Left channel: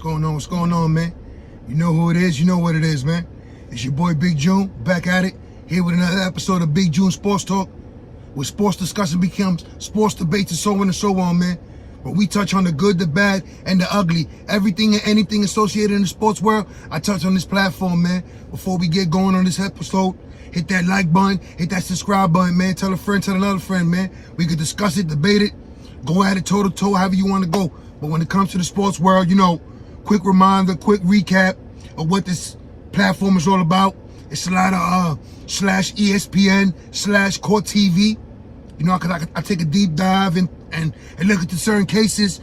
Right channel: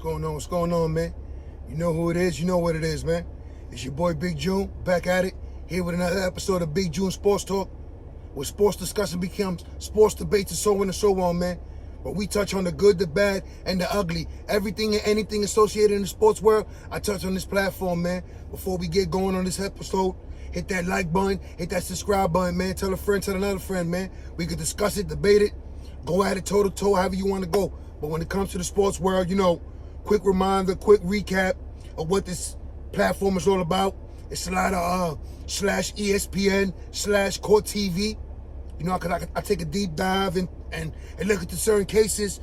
going on? What's going on, man? You know who it is. You know what it is, man. It's your boy Big June, back at it, here with another episode of Big June Sports Talk, where sports discussion becomes sports debates and so on and so on, man. But we touch on the good, the bad, and the ugly. Everything and anything associated in the sports world, I touch on this platform, man. Before we get going on this episode, hit that like button, hit that subscribe button, man. Tell a friend, tell another friend, man. We could discuss it, debate it, go at it toe-to-toe, however you want to go. But when it comes to the sports world, you know, quick reminder, quick recap of what this platform is all about. It's a lot of /ESPN /Court TV. You know, cause I take a deep dive and look at the certain cases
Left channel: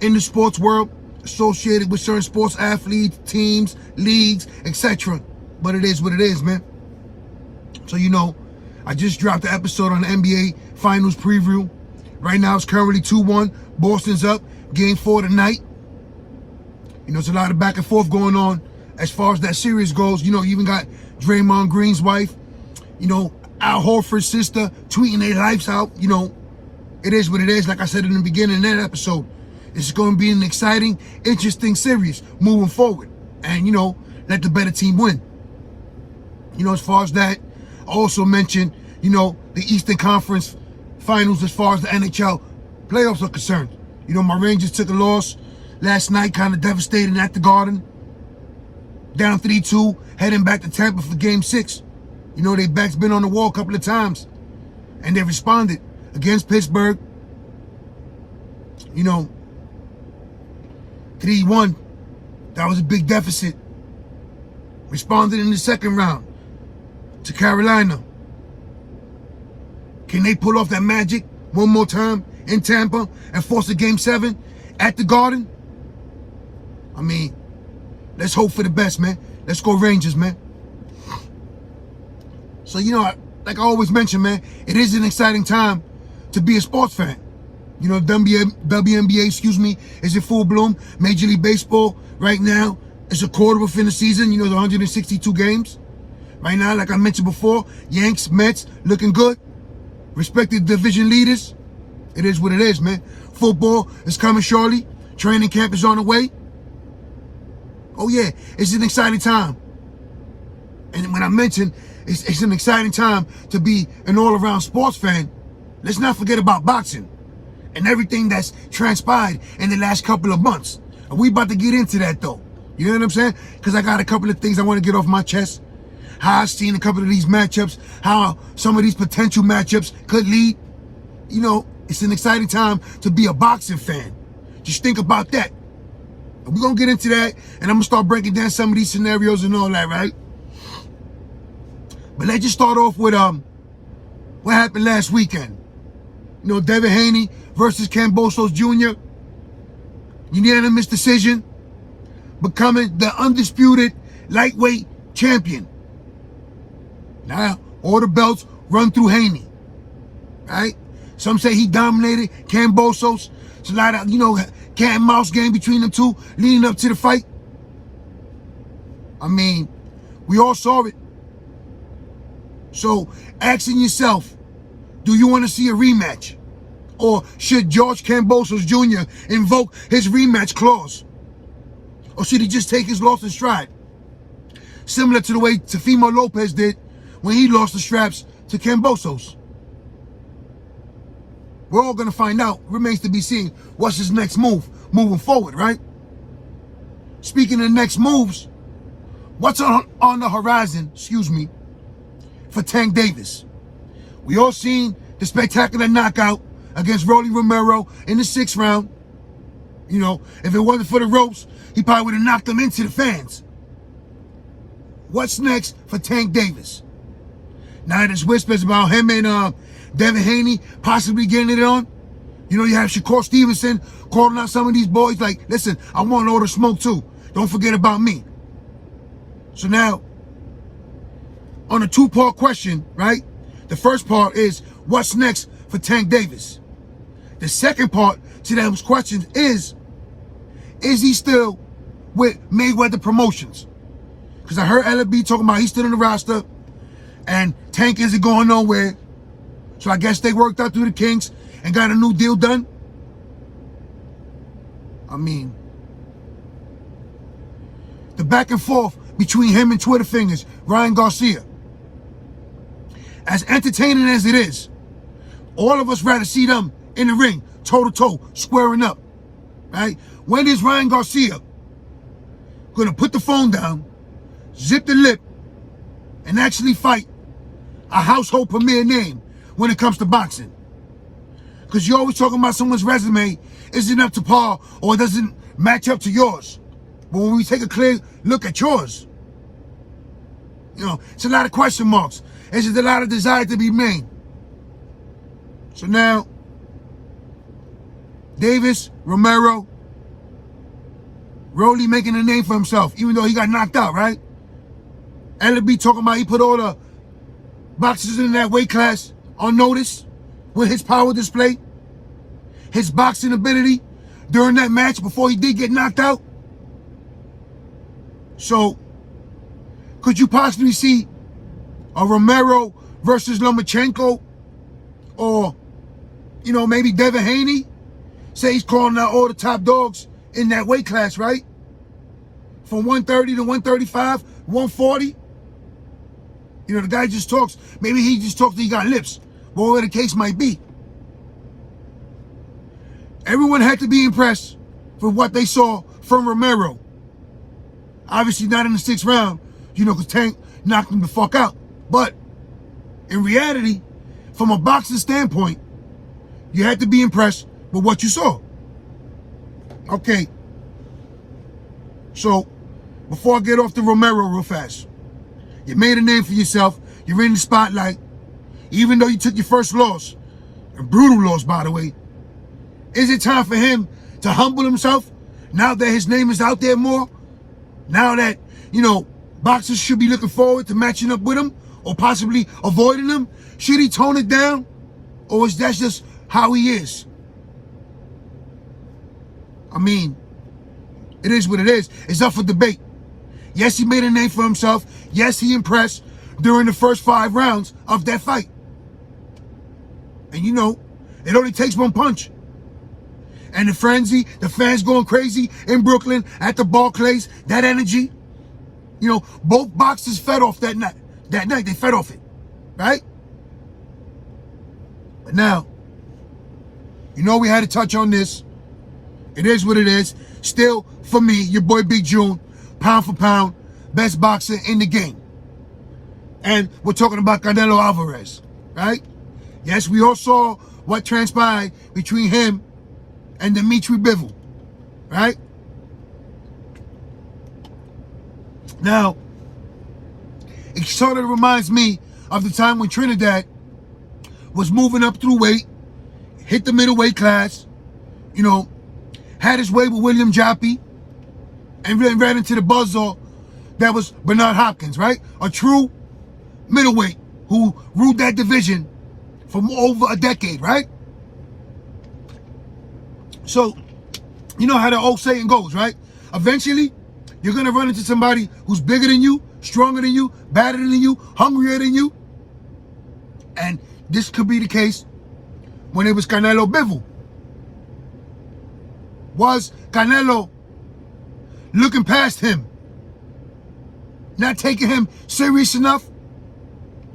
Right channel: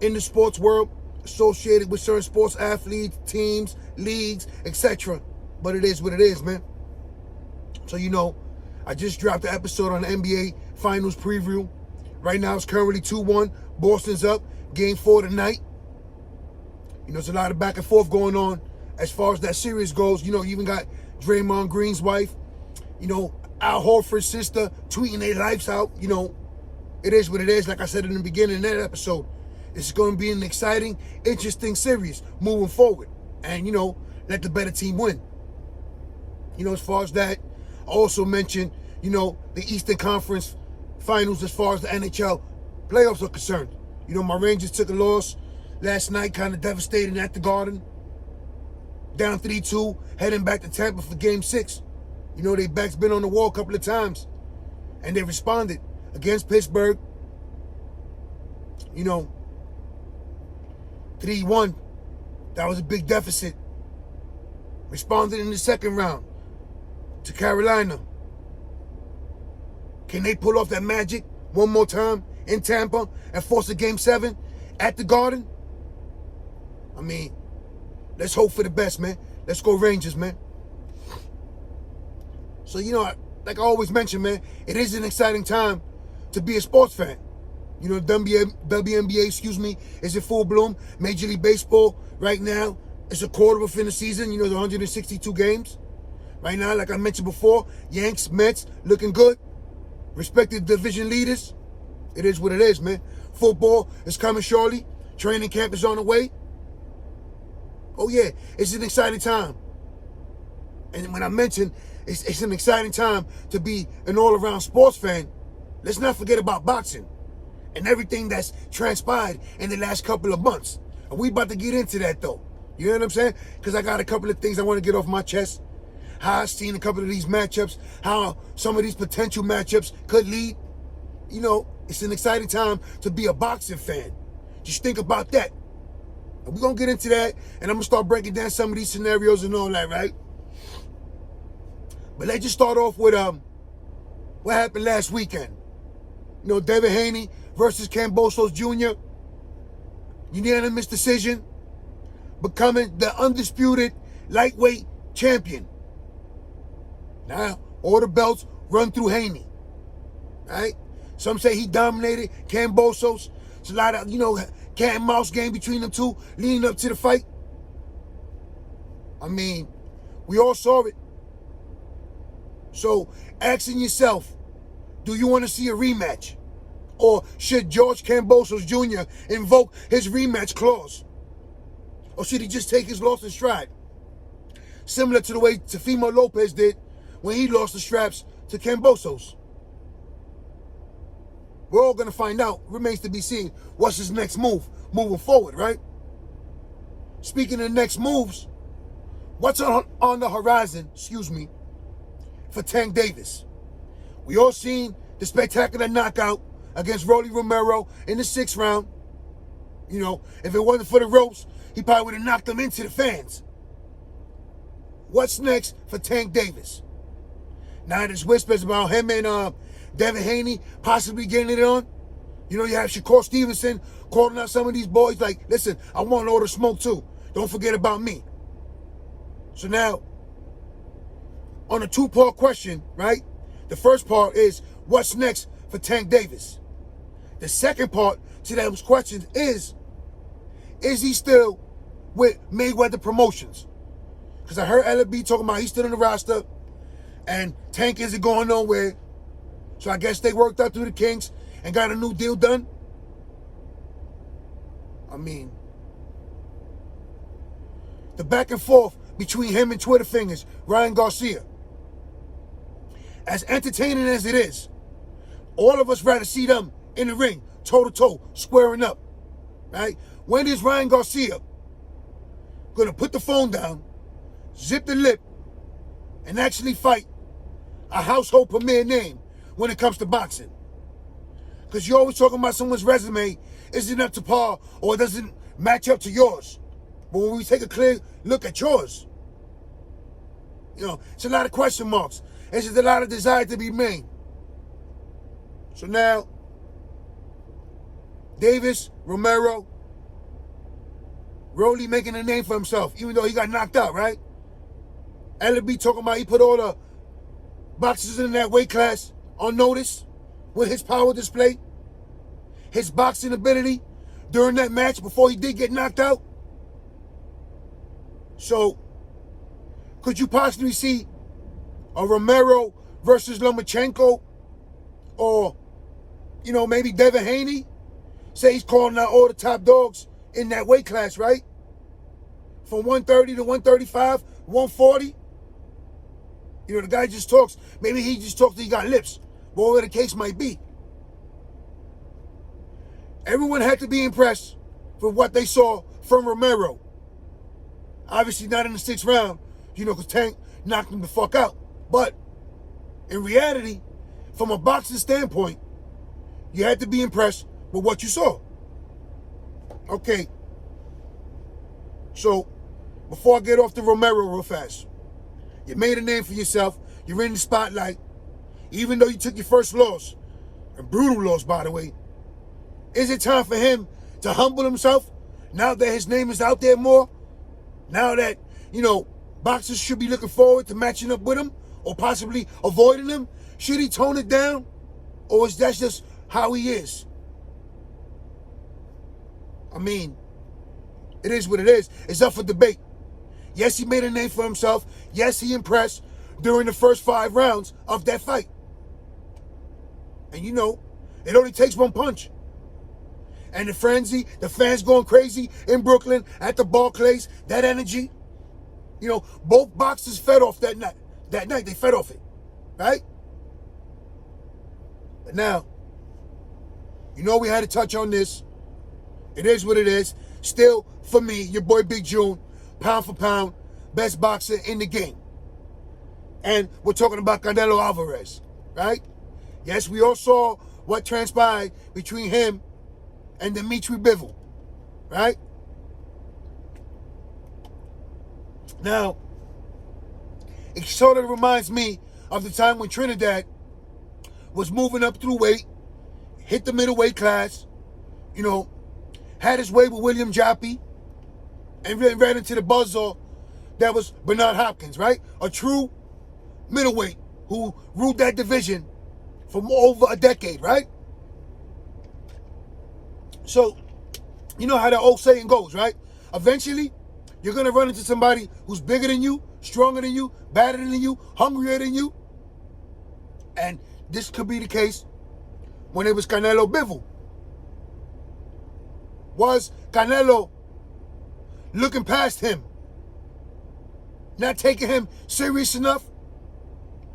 in the sports world associated with certain sports athletes, teams, leagues, etc. But it is what it is, man. So, you know, I just dropped the episode on the NBA Finals preview. Right now, it's currently 2-1. Boston's up. Game 4 tonight. You know, there's a lot of back and forth going on as far as that series goes. You know, you even got Draymond Green's wife, you know, Al Horford's sister tweeting their lives out. You know, it is what it is. Like I said in the beginning of that episode, it's going to be an exciting, interesting series moving forward. And, you know, let the better team win. You know, as far as that, I also mentioned, you know, the Eastern Conference Finals as far as the NHL playoffs are concerned. You know, my Rangers took a loss last night, kind of devastating at the Garden. Down 3-2, heading back to Tampa for Game 6. You know, their back's been on the wall a couple of times. And they responded against Pittsburgh. You know, 3-1. That was a big deficit. Responded in the second round to Carolina. Can they pull off that magic one more time in Tampa and force a Game 7 at the Garden? I mean, let's hope for the best, man. Let's go Rangers, man. So, you know, like I always mention, man, it is an exciting time to be a sports fan. You know, WNBA, is in full bloom. Major League Baseball right now is a quarter within the season. You know, the 162 games. Right now, like I mentioned before, Yanks, Mets, looking good. Respected division leaders. It is what it is, man. Football is coming shortly. Training camp is on the way. Oh, yeah, it's an exciting time. And when I mention it's an exciting time to be an all-around sports fan, let's not forget about boxing and everything that's transpired in the last couple of months. And we about to get into that, though. You know what I'm saying? Because I got a couple of things I want to get off my chest. How I've seen a couple of these matchups, how some of these potential matchups could lead. You know, it's an exciting time to be a boxing fan. Just think about that. And we're going to get into that, and I'm going to start breaking down some of these scenarios and all that, right? But let's just start off with what happened last weekend. You know, Devin Haney versus KAMBOSOS Jr. Unanimous decision, becoming the undisputed lightweight champion. Now, all the belts run through Haney, right? Some say he dominated KAMBOSOS. It's a lot of, you know, cat and mouse game between them two leading up to the fight. I mean, we all saw it. So, asking yourself, do you want to see a rematch? Or should George KAMBOSOS Jr. invoke his rematch clause? Or should he just take his loss in stride? Similar to the way Teofimo Lopez did when he lost the straps to KAMBOSOS. We're all going to find out. Remains to be seen what's his next move moving forward, right? Speaking of next moves, what's on the horizon, for Tank Davis? We all seen the spectacular knockout against ROMERO in the 6th round. You know, if it wasn't for the ropes, he probably would have knocked him into the fans. What's next for Tank Davis? Now there's whispers about him and Devin Haney possibly getting it on. You know, you have Shakur Stevenson calling out some of these boys like, listen, I want all the smoke too. Don't forget about me. So now, on a two-part question, right? The first part is, what's next for Tank Davis? The second part to those questions is he still with Mayweather Promotions? Because I heard LB talking about he's still in the roster and Tank isn't going nowhere. So I guess they worked out through the kinks and got a new deal done. I mean, the back and forth between him and Twitter fingers, Ryan Garcia. As entertaining as it is, all of us rather see them in the ring, toe-to-toe, squaring up, right? When is Ryan Garcia gonna put the phone down, zip the lip, and actually fight a household premier name when it comes to boxing? Because you're always talking about someone's resume isn't up to par or doesn't match up to yours. But when we take a clear look at yours, it's a lot of question marks. There's just a lot of desire to be made. So now, Davis, Romero, Rolly making a name for himself, even though he got knocked out, right? LB talking about he put all the boxers in that weight class on notice with his power display, his boxing ability during that match before he did get knocked out. So, could you possibly see a Romero versus Lomachenko, or, maybe Devin Haney? Say he's calling out all the top dogs in that weight class, right? From 130 to 135, 140. The guy just talks. Maybe he just talks till he got lips. Whatever the case might be. Everyone had to be impressed for what they saw from Romero. Obviously not in the 6th round, because Tank knocked him the fuck out. But in reality, from a boxing standpoint, you had to be impressed with what you saw. Okay. So, before I get off the Romero real fast, you made a name for yourself. You're in the spotlight. Even though you took your first loss, a brutal loss, by the way, is it time for him to humble himself now that his name is out there more? Now that, boxers should be looking forward to matching up with him or possibly avoiding him? Should he tone it down? Or is that just how he is? I mean, it is what it is. It's up for debate. Yes, he made a name for himself. Yes, he impressed during the first 5 rounds of that fight. And it only takes one punch. And the frenzy, the fans going crazy in Brooklyn at the Barclays, that energy. Both boxers fed off that night. That night, they fed off it, right? But now, we had to touch on this. It is what it is. Still, for me, your boy Big June, pound for pound, best boxer in the game. And we're talking about Canelo Alvarez, right? Yes, we all saw what transpired between him and Dimitri Bivol, right? Now, it sort of reminds me of the time when Trinidad was moving up through weight, hit the middleweight class, had his way with William Joppy, and ran into the buzzsaw that was Bernard Hopkins, right? A true middleweight who ruled that division for over a decade, right? So, you know how the old saying goes, right? Eventually, you're going to run into somebody who's bigger than you, stronger than you, badder than you, hungrier than you. And this could be the case when it was Canelo Bivol. Was Canelo looking past him? Not taking him serious enough?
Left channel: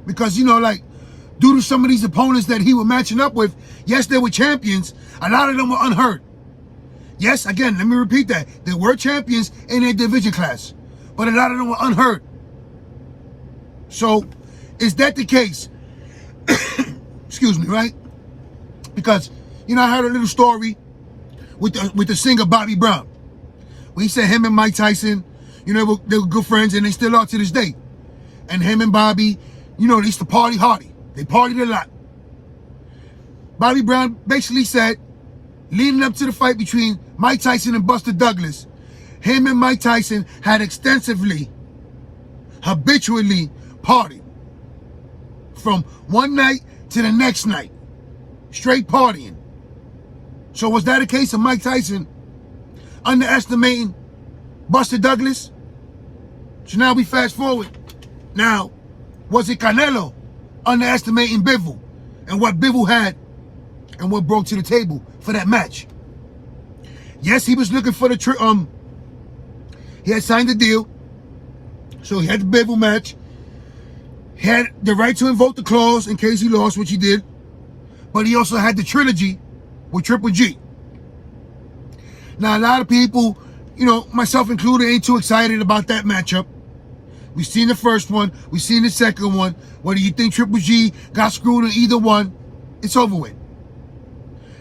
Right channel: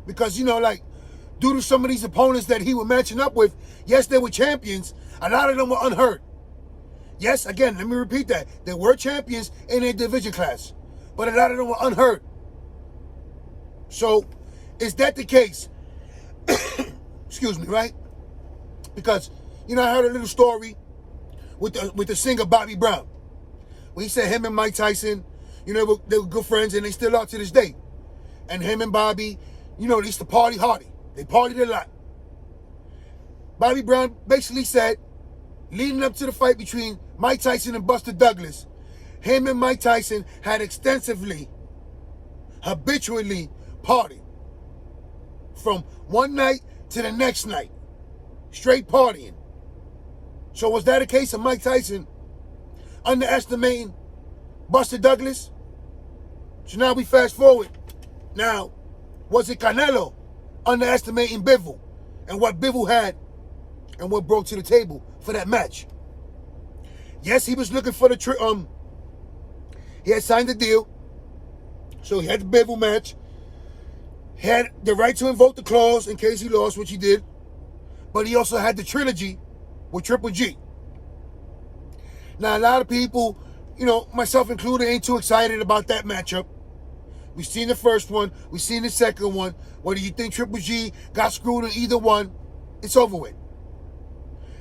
Because, due to some of these opponents that he was matching up with, yes, they were champions. A lot of them were unhurt. Yes, again, let me repeat that. They were champions in their division class. But a lot of them were unhurt. So, is that the case? Excuse me, right? Because, I heard a little story with the singer Bobby Brown. Where he said him and Mike Tyson, they were good friends, and they still are to this day. And him and Bobby, they used to party hardy. They partied a lot. Bobby Brown basically said, leading up to the fight between Mike Tyson and Buster Douglas, him and Mike Tyson had extensively, habitually partied. From one night to the next night. Straight partying. So was that a case of Mike Tyson underestimating Buster Douglas? So now we fast forward. Now, was it Canelo underestimating Bivol and what Bivol had and what brought to the table for that match? Yes, he was looking for the he had signed a deal So he had the BIVOL match. He had the right to invoke the clause in case he lost, which he did. But he also had the trilogy with Triple G. Now, a lot of people, you know, myself included, ain't too excited about that matchup. We've seen the first one. We've seen the second one. Whether you think Triple G got screwed in either one, it's over with.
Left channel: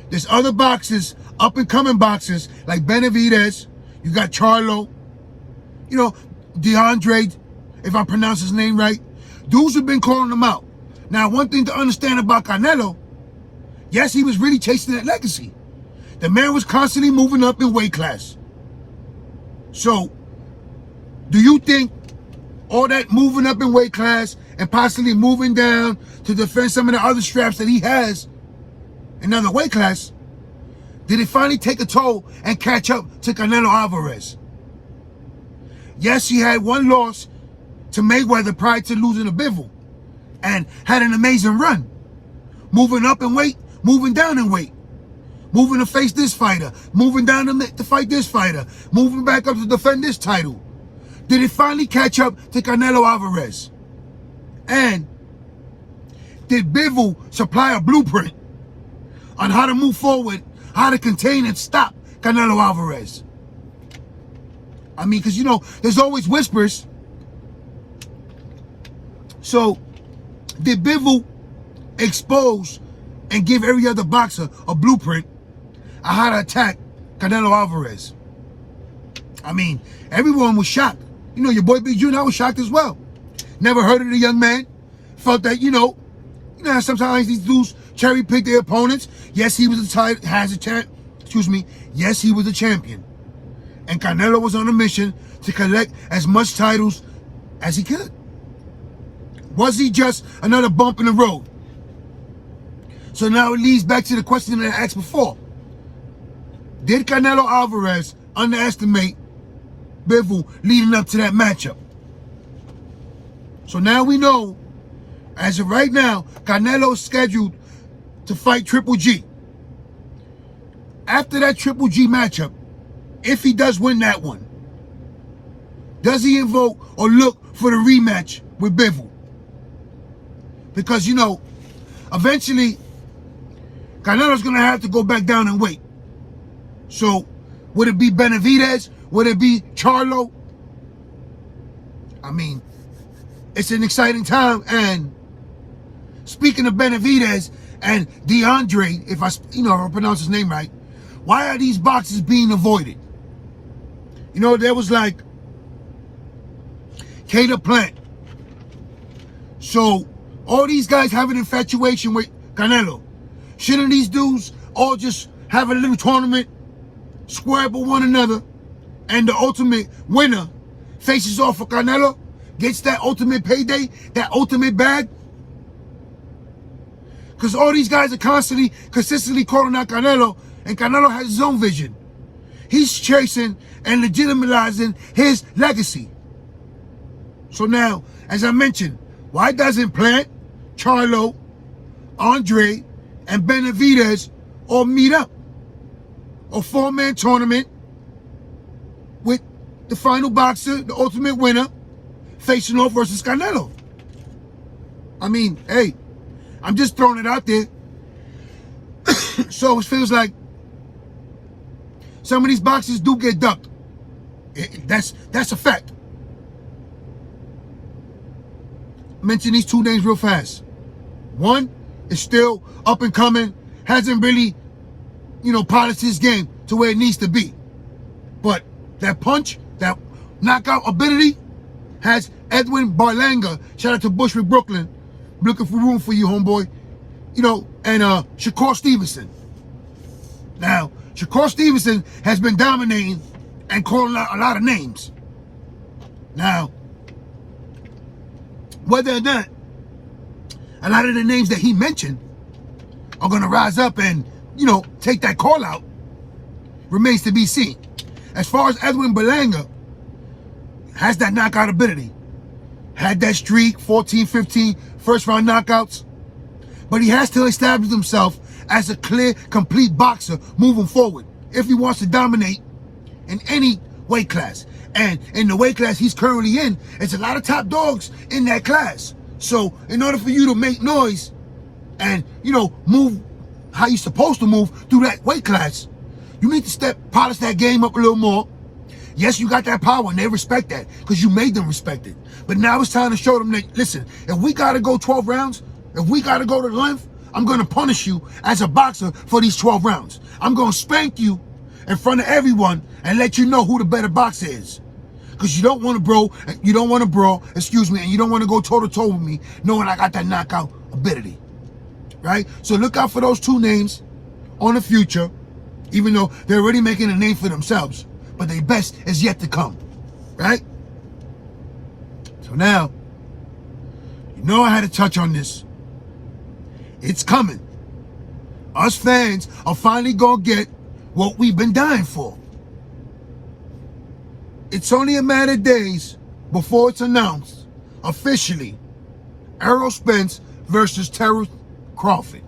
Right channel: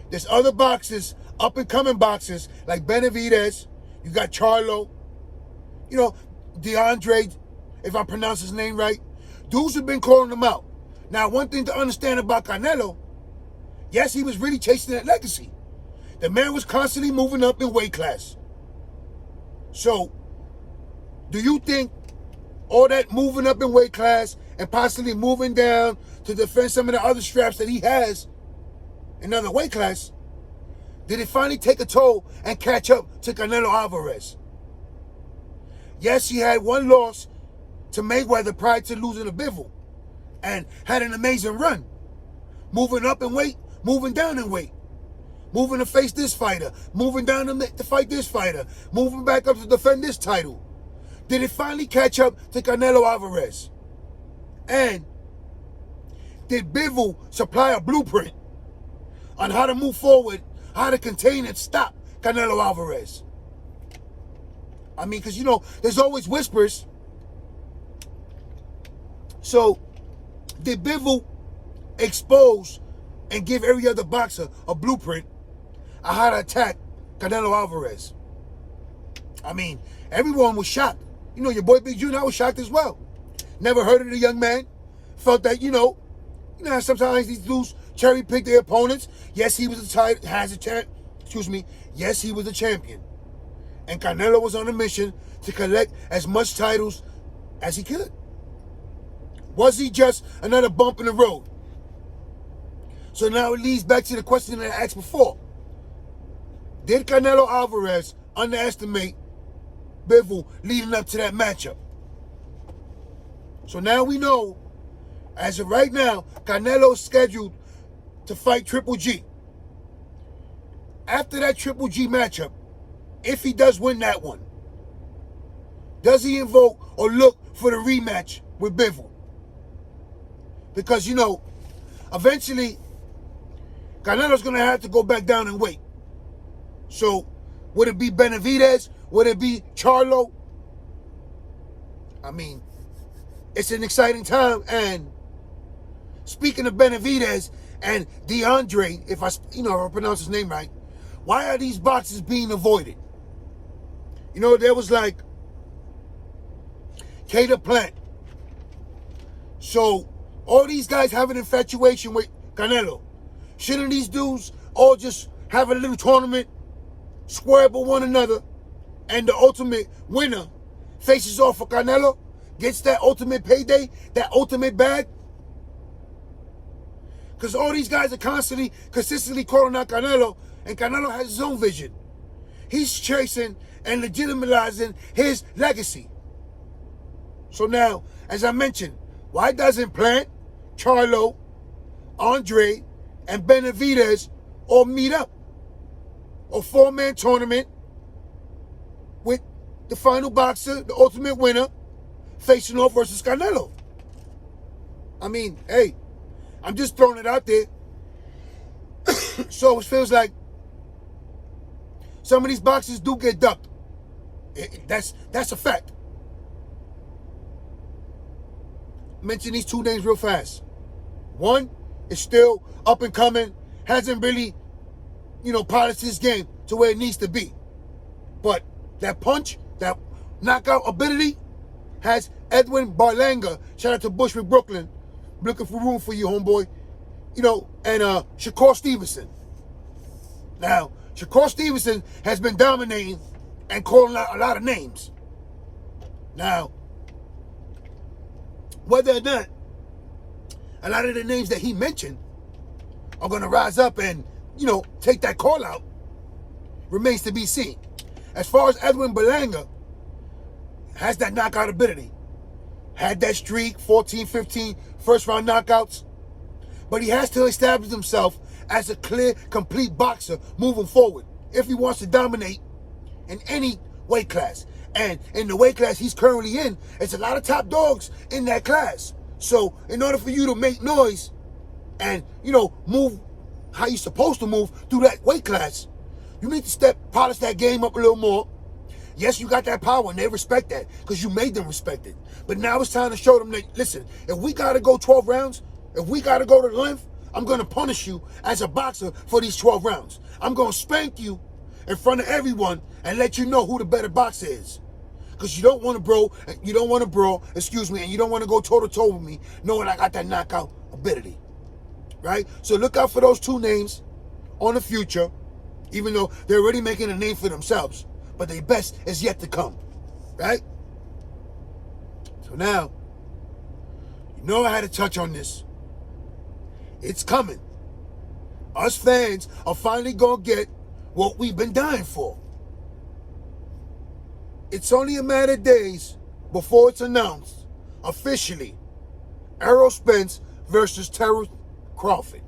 There's other boxers, up-and-coming boxers, like Benavidez. You got Charlo. You know, DeAndre, if I pronounce his name right. Dudes have been calling him out. Now, one thing to understand about Canelo, yes, he was really chasing that legacy. The man was constantly moving up in weight class. So, do you think all that moving up in weight class and possibly moving down to defend some of the other straps that he has in another weight class, did it finally take a toll and catch up to Canelo Alvarez? Yes, he had one loss to Mayweather prior to losing the BIVOL and had an amazing run. Moving up in weight, moving down in weight. Moving to face this fighter, moving down to fight this fighter, moving back up to defend this title. Did it finally catch up to Canelo Alvarez? And did BIVOL supply a blueprint on how to move forward, how to contain and stop Canelo Alvarez? I mean, because, you know, there's always whispers. So, did BIVOL expose and give every other boxer a blueprint on how to attack Canelo Alvarez? I mean, everyone was shocked. You know, your boy Big June, I was shocked as well. Never heard of the young man. Felt that, you know sometimes these dudes cherry pick their opponents. Yes, he was Yes, he was a champion. And Canelo was on a mission to collect as much titles as he could. Was he just another bump in the road? So now it leads back to the question that I asked before. Did Canelo Alvarez underestimate BIVOL leading up to that matchup? So now we know, as of right now, Canelo is scheduled to fight Triple G. After that Triple G matchup, if he does win that one, does he invoke or look for the rematch with BIVOL? Because, you know, eventually, Canelo's going to have to go back down and weight. So, would it be Benavidez? Would it be Charlo? I mean, it's an exciting time. And speaking of Benavidez and DeAndre, if I pronounce his name right, why are these boxes being avoided? You know, there was like Cater Plant. So, all these guys have an infatuation with Canelo. Shouldn't these dudes all just have a little tournament, square up with one another, and the ultimate winner faces off for Canelo, gets that ultimate payday, that ultimate bag? Because all these guys are consistently calling out Canelo, and Canelo has his own vision. He's chasing and legitimizing his legacy. So now, as I mentioned, why doesn't Plant, Charlo, Andre, and Benavidez all meet up? A four-man tournament with the final boxer, the ultimate winner, facing off versus Canelo. I mean, hey, I'm just throwing it out there. So it feels like some of these boxers do get ducked. That's a fact. Mention these two names real fast. One is still up and coming, hasn't really, polished his game to where it needs to be. But that punch, that knockout ability, has Edwin Berlanga. Shout out to Bushwick, Brooklyn. Looking for room for you, homeboy. And Shakur Stevenson. Now, Shakur Stevenson has been dominating and calling out a lot of names. Now, whether or not a lot of the names that he mentioned are going to rise up and, take that call out remains to be seen. As far as Edwin Berlanga, has that knockout ability. Had that streak, 14, 15 first-round knockouts. But he has to establish himself as a clear, complete boxer moving forward if he wants to dominate in any weight class. And in the weight class he's currently in, it's a lot of top dogs in that class. So in order for you to make noise and, you know, move how you're supposed to move through that weight class, you need to polish that game up a little more. Yes, you got that power and they respect that because you made them respect it. But now it's time to show them that, listen, if we got to go 12 rounds, if we got to go to the length, I'm going to punish you as a boxer for these 12 rounds. I'm going to spank you in front of everyone and let you know who the better boxer is. Because you don't want to brawl, and you don't want to go toe-to-toe with me knowing I got that knockout ability. Right? So look out for those two names on the future, even though they're already making a name for themselves. But their best is yet to come. Right? So now, you know I had to touch on this. It's coming. Us fans are finally going to get what we've been dying for. It's only a matter of days before it's announced officially. Errol Spence versus Terrence Crawford.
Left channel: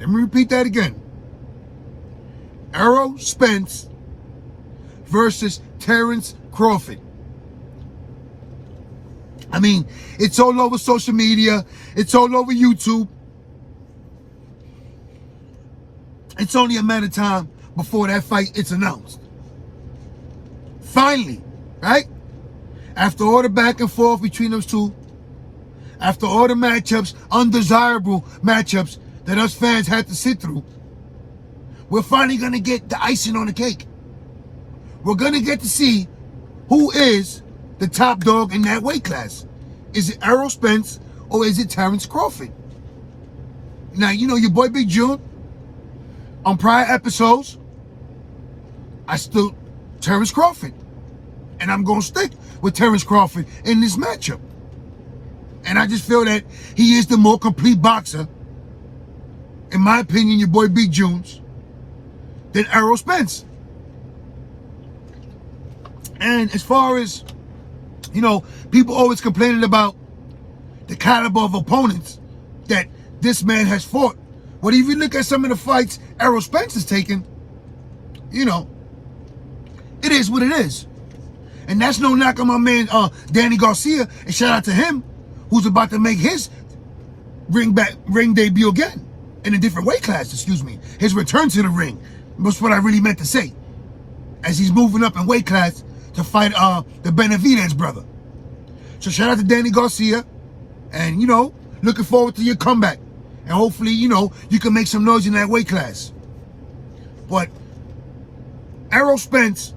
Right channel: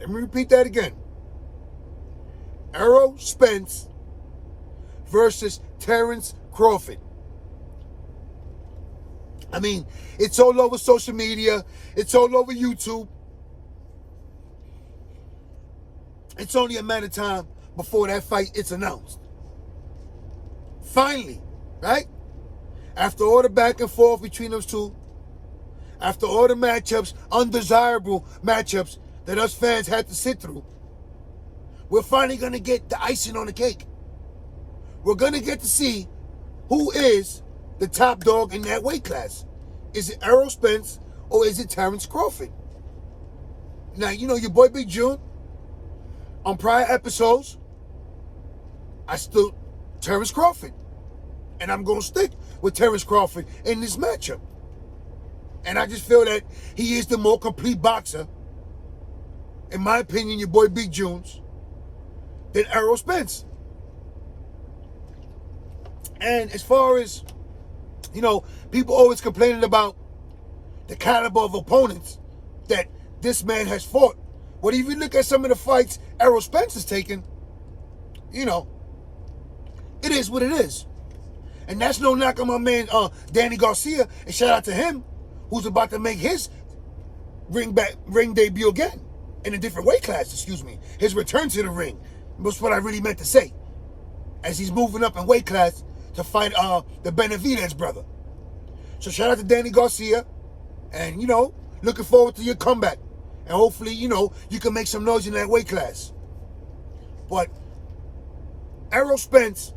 Let me repeat that again. Errol Spence versus Terrence Crawford. I mean, it's all over social media. It's all over YouTube. It's only a matter of time before that fight is announced. Finally, right? After all the back and forth between those two, after all the matchups, undesirable matchups that us fans had to sit through, we're finally going to get the icing on the cake. We're going to get to see who is the top dog in that weight class. Is it Errol Spence or is it Terrence Crawford? Now, you know your boy Big June, on prior episodes, I stood Terrence Crawford. And I'm going to stick with Terrence Crawford in this matchup. And I just feel that he is the more complete boxer, in my opinion, your boy Big Junes, than Errol Spence. And as far as, you know, people always complaining about the caliber of opponents that this man has fought. But if you look at some of the fights Errol Spence has taken, you know, it is what it is. And that's no knock on my man Danny Garcia. And shout out to him, who's about to make his ring debut again in a different weight class, excuse me. His return to the ring. That's what I really meant to say. As he's moving up in weight class to fight the Benavidez brother. So shout out to Danny Garcia. And, you know, looking forward to your comeback. And hopefully, you know, you can make some noise in that weight class. But Errol Spence,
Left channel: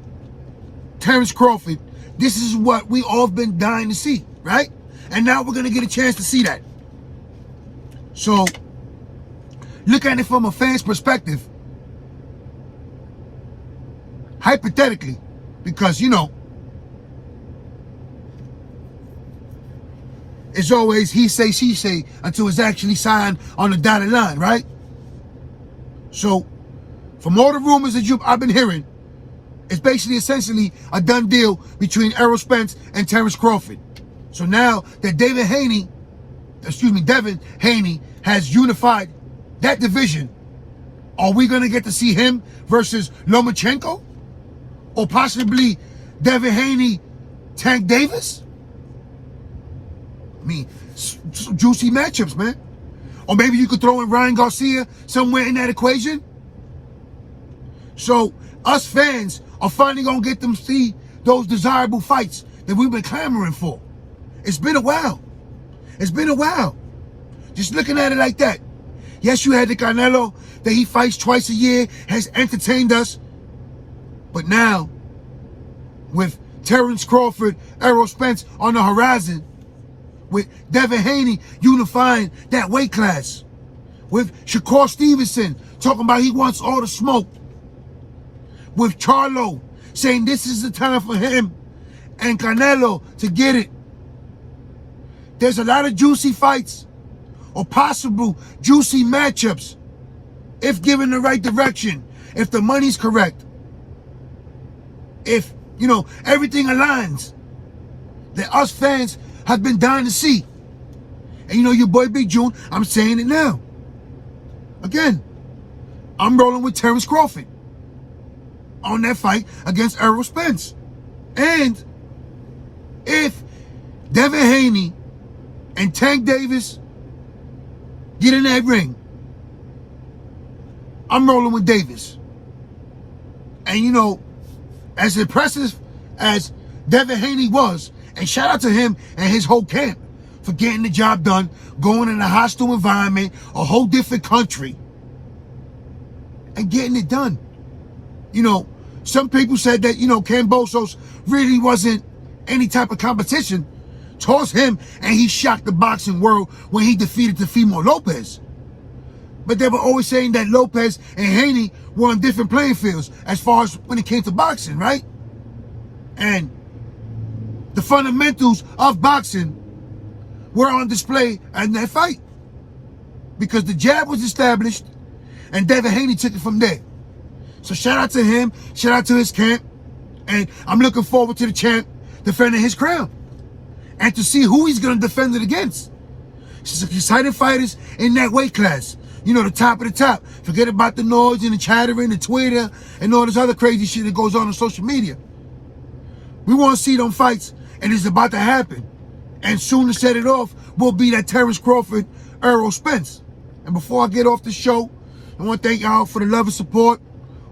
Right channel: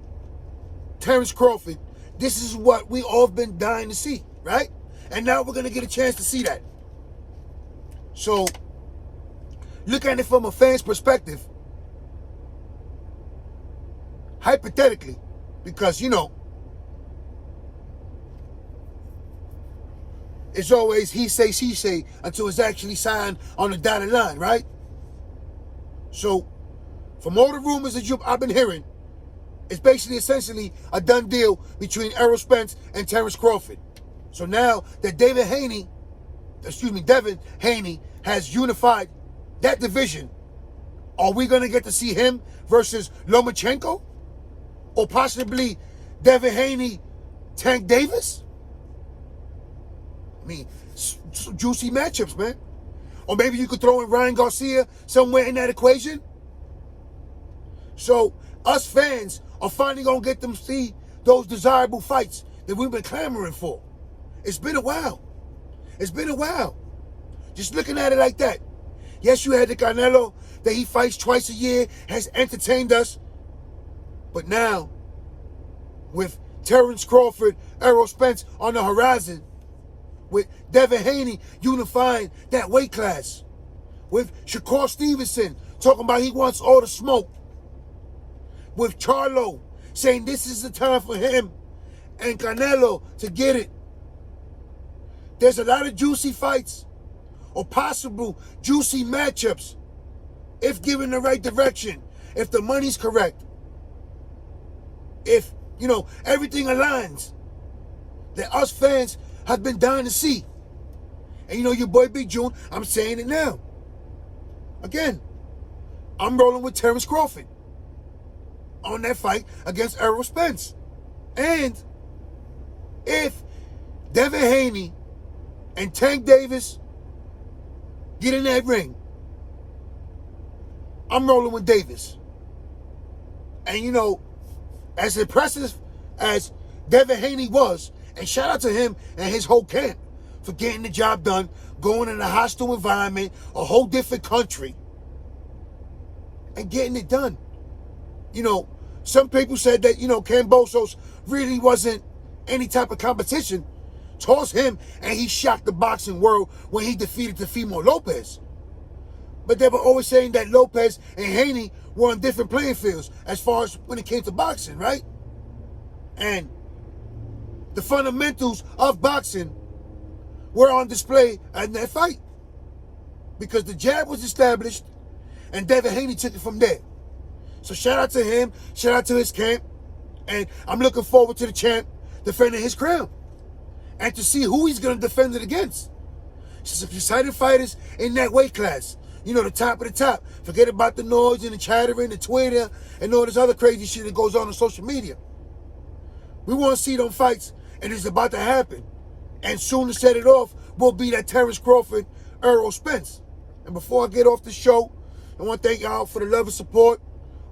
Terrence Crawford, this is what we all have been dying to see, right? And now we're going to get a chance to see that. So, look at it from a fan's perspective. Hypothetically, because, you know, it's always he say, she say until it's actually signed on the dotted line, right? So, from all the rumors that I've been hearing, it's basically essentially a done deal between Errol Spence and Terrence Crawford. So now that Devin Haney has unified that division, are we going to get to see him versus Lomachenko? Or possibly Devin Haney, Tank Davis? I mean, some juicy matchups, man. Or maybe you could throw in Ryan Garcia somewhere in that equation. So us fans are finally going to get them see those desirable fights that we've been clamoring for. It's been a while. It's been a while. Just looking at it like that. Yes, you had the Canelo that he fights twice a year, has entertained us. But now, with Terrence Crawford, Errol Spence on the horizon, with Devin Haney unifying that weight class, with Shakur Stevenson talking about he wants all the smoke, with Charlo saying this is the time for him and Canelo to get it. There's a lot of juicy fights or possible juicy matchups if given the right direction, if the money's correct, if, you know, everything aligns that us fans have been dying to see. And you know your boy Big June, I'm saying it now. Again, I'm rolling with Terrence Crawford on that fight against Errol Spence. And if Devin Haney and Tank Davis get in that ring, I'm rolling with Davis. And you know, as impressive as Devin Haney was, and shout out to him and his whole camp for getting the job done, going in a hostile environment, a whole different country, and getting it done. You know, some people said that, you know, KAMBOSOS really wasn't any type of competition towards him, and he shocked the boxing world when he defeated Teofimo Lopez. But they were always saying that Lopez and Haney were on different playing fields as far as when it came to boxing, right? And the fundamentals of boxing were on display in that fight, because the jab was established and Devin Haney took it from there. So shout out to him, shout out to his camp, and I'm looking forward to the champ defending his crown and to see who he's going to defend it against. Some exciting fighters in that weight class. You know, the top of the top. Forget about the noise and the chattering, the Twitter, and all this other crazy shit that goes on social media. We want to see them fights, and it's about to happen. And soon to set it off will be that Terrence Crawford, Spence. And before I get off the show, I want to thank y'all for the love and support.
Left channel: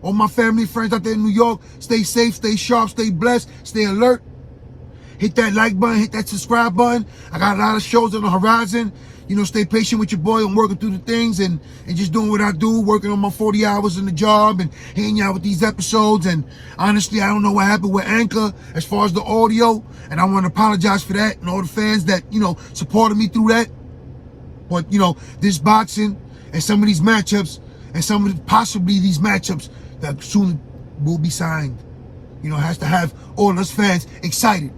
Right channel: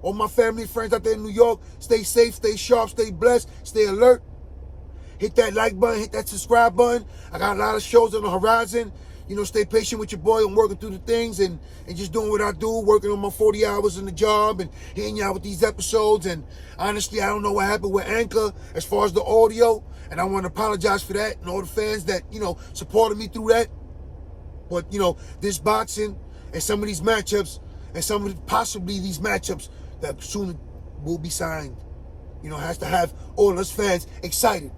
All my family, friends out there in New York, stay safe, stay sharp, stay blessed, stay alert. Hit that like button, hit that subscribe button. I got a lot of shows on the horizon. You know, stay patient with your boy. I'm working through the things and just doing what I do, working on my 40 hours in the job and hanging out with these episodes. And honestly, I don't know what happened with Anchor as far as the audio. And I want to apologize for that and all the fans that, you know, supported me through that. But, you know, this boxing and some of these matchups and some of possibly these matchups that soon will be signed, you know, has to have all us fans excited.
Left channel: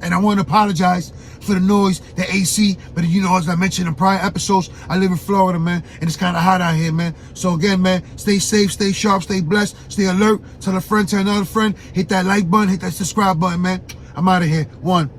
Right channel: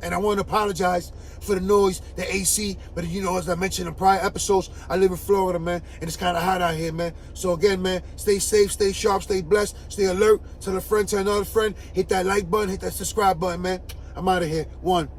And I want to apologize for the noise, the AC, but you know, as I mentioned in prior episodes, I live in Florida, man, and it's kind of hot out here, man. So again, man, stay safe, stay sharp, stay blessed, stay alert. Tell a friend, tell another friend, hit that like button, hit that subscribe button, man. I'm out of here. One.